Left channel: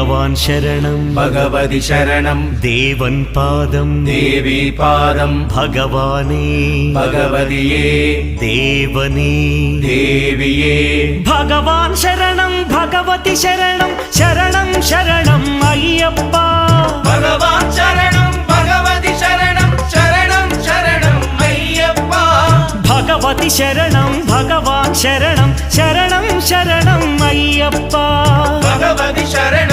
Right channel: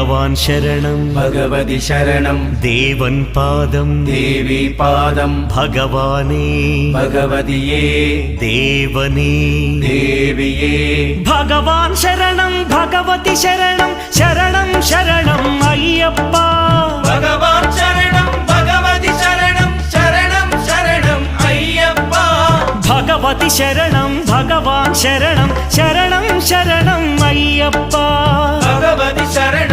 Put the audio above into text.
ഭഗവാൻ ശരണം ഭഗവതി ശരണം ദേവൻ പാദം ദേവി പാദം ഭഗവാനേ ഭഗവതിയേ ദേവനേ ദേവിയേ ഭഗവാൻ ശരണം ഭഗവതി ശരണം ശരണം ശരണം അയ്യപ്പ ഭഗവാൻ ശരണം ഭഗവതി ശരണം ശരണം ശരണം അയ്യപ്പ ഭഗവതി ശരണം ഭഗവാൻ ശരണം ശരണം ശരണം അയ്യപ്പ ഭഗവതി ശരണം